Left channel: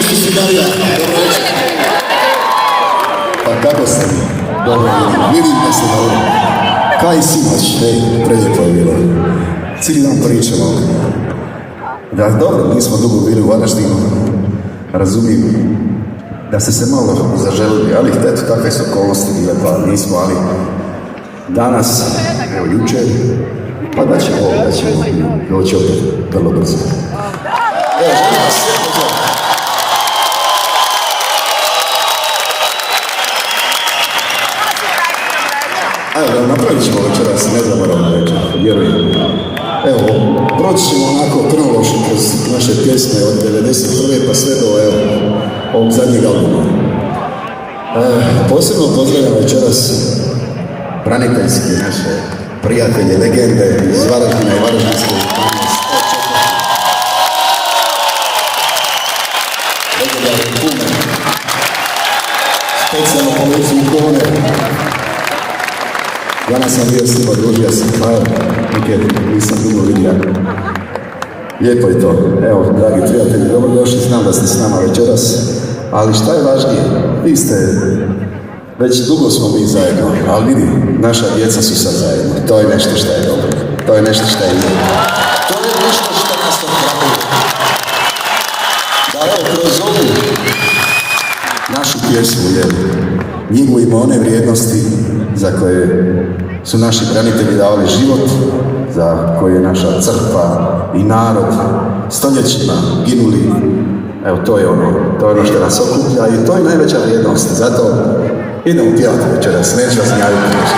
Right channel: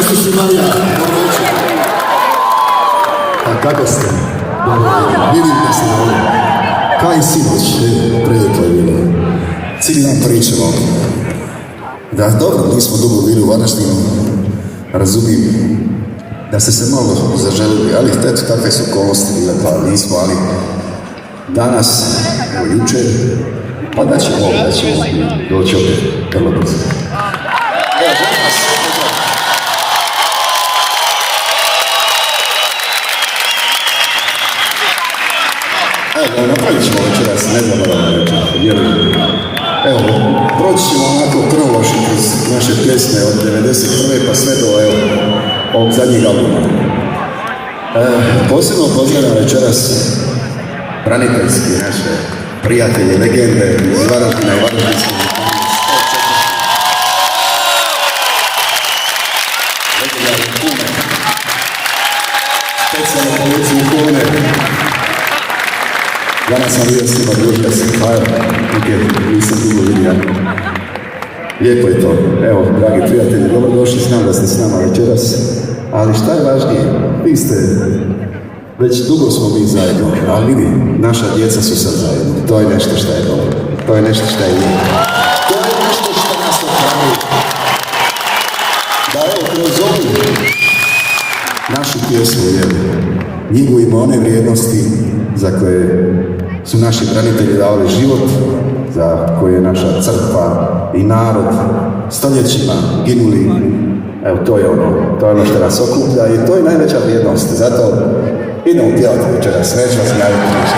Isto si Marija, dobro večer. Pa kako ste? Dobro, vidim da ste dobro. Kaj sinoć, prelijepo je bilo. Cijeli dan pričamo. Da, dobro, nismo dugo bili u Varaždinu. Razumijem da ste se malo zaželili, ali eto, takve su okolnosti bile, pa nismo, ali danas, evo jučer, pa da ćemo doći opet vrlo brzo. Evo, želim vas sve pozdraviti. Evo, napravit ćemo večeras, ne zaboravimo večer, vjerujem. Evo, proći ćemo onako kronološki kroz naše pjesme od 91. pa sve do, evo, ovog zadnjeg albuma. Posebno pozdravljam večeras braniteljski naše prijatelje, legende iz Varaždina i Varaždinske županije. Legendarne kume, specijalno policiju kone. Danas sam vidio s njima družio se, pa evo, nikad nisam dugo vidio. Lijepo je to. Evo, dragi prijatelji, dobrodošli, znam da ste s nama večeras, ali šta je važnije? Vi ste, već dugo smo mi zajedno, ali vidi, naša djeca su sad zajedno. To je nešto što je dobro. To je nešto što je lijepo. To je nešto što nas ohrabruje. Da evo, kroz ovu našu pjesmu, njegujemo one vrijednosti za koje su naši branitelji davali život, za koje je naša crkva i narod stoljećima ginuli. Evo, to je ono što nas okuplja i to je najveća vrijednost. Zato idemo pjevati večeras, neću vas javiti nešto.